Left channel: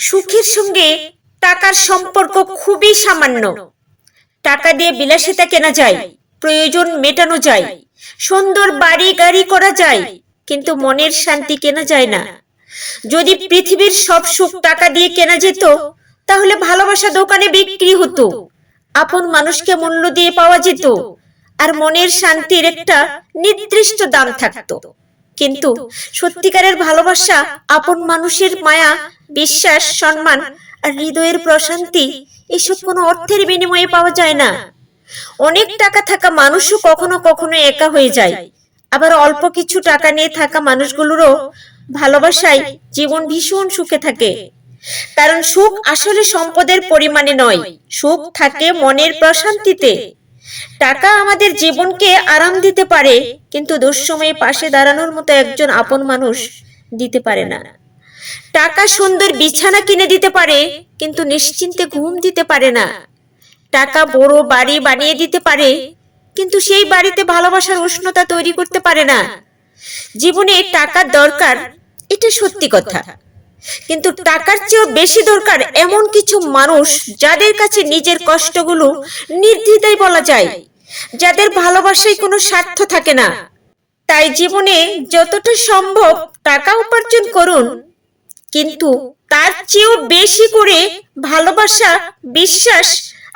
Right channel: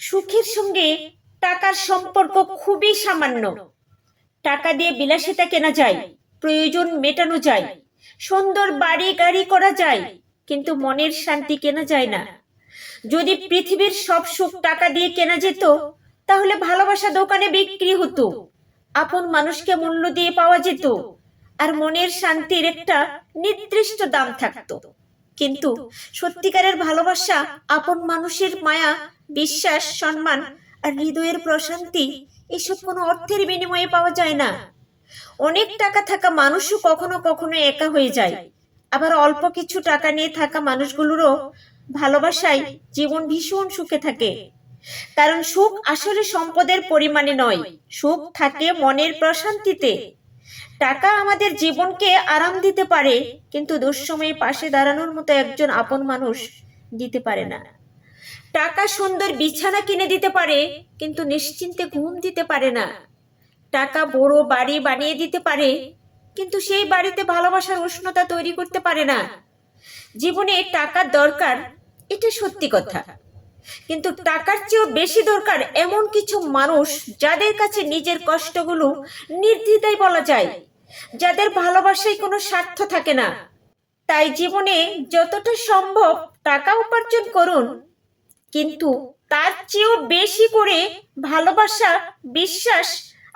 সুখের সঙ্গে টাকার সম্পর্ক খুবই সামান্য। টাকা দিয়ে বিলাসিতা কেনা যায়, প্রয়োজন মেটানো যায়, সুন্দর বাড়ি গাড়ি করা যায়, কিন্তু মনের শান্তি কেনা যায় না। যদি পৃথিবীর সব সুখ টাকা দিয়ে কেনা যেত, তাহলে ভালোবাসা দোকানে বিক্রি হতো, আপন মানুষকে মূল্য দিয়ে পাওয়া যেত, আর মনের শান্তির একটা নির্দিষ্ট দাম থাকতো। কিন্তু সত্যিকারের ভালোবাসা, আপন মানুষের মায়া, বিশ্বাস, সম্মান আর হৃদয়ের প্রশান্তি এসব কোনো অর্থের বিনিময়ে পাওয়া যায় না। অনেক টাকা থাকা মানুষও কখনো কখনো একা হয়ে যায়, আবার অল্প কিছু টাকা নিয়ে থাকা মানুষগুলোরও ভালোবাসায় জীবন ভীষণ সুখে থাকে। কারণ সুখ আসলে সম্পদের পরিমাণে নয়, সুখ থাকে মনের প্রশান্তিতে। টাকা আমাদের জীবনকে আরাম দিতে পারে, কিন্তু দুঃসময়ে পাশে দাঁড়ানোর মতো একজন আপন মানুষ দিতে পারে না। টাকা সুন্দর বিছানা কিনে দিতে পারে, কিন্তু নিশ্চিন্তে ঘুম দিতে পারে না। টাকা বড় বাড়ি বানিয়ে দিতে পারে, কিন্তু সেই বাড়িতে ভালোবাসার উষ্ণতা তৈরি করতে পারে না। জীবনে টাকার দরকার, এটা সত্যি কথা, কিন্তু টাকার চেয়েও বেশি দরকার এমন কিছু মানুষ যাদের কাছে নিজের কষ্টগুলো নির্দ্বিধায় বলা যায়, যাদের ভালোবাসায় কোনো স্বার্থ থাকে না। তাই জীবনে যতটা সম্ভব টাকা উপার্জন করুন, কিন্তু তার চেয়েও বেশি করে ভালোবাসা, বিশ্বাস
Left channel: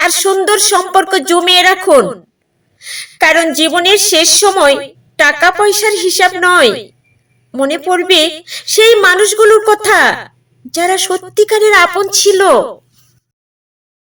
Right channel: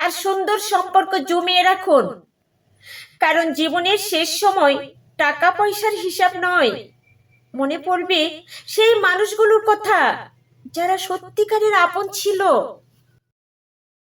আর সুন্দর সম্পর্ক জমিয়ে রাখুন। কারণ জীবনের শেষ সময় টাকা পয়সার হিসাব নয়, মনে পড়বে সেই মানুষগুলোর কথা যারা সত্যিকারের আপন ছিল।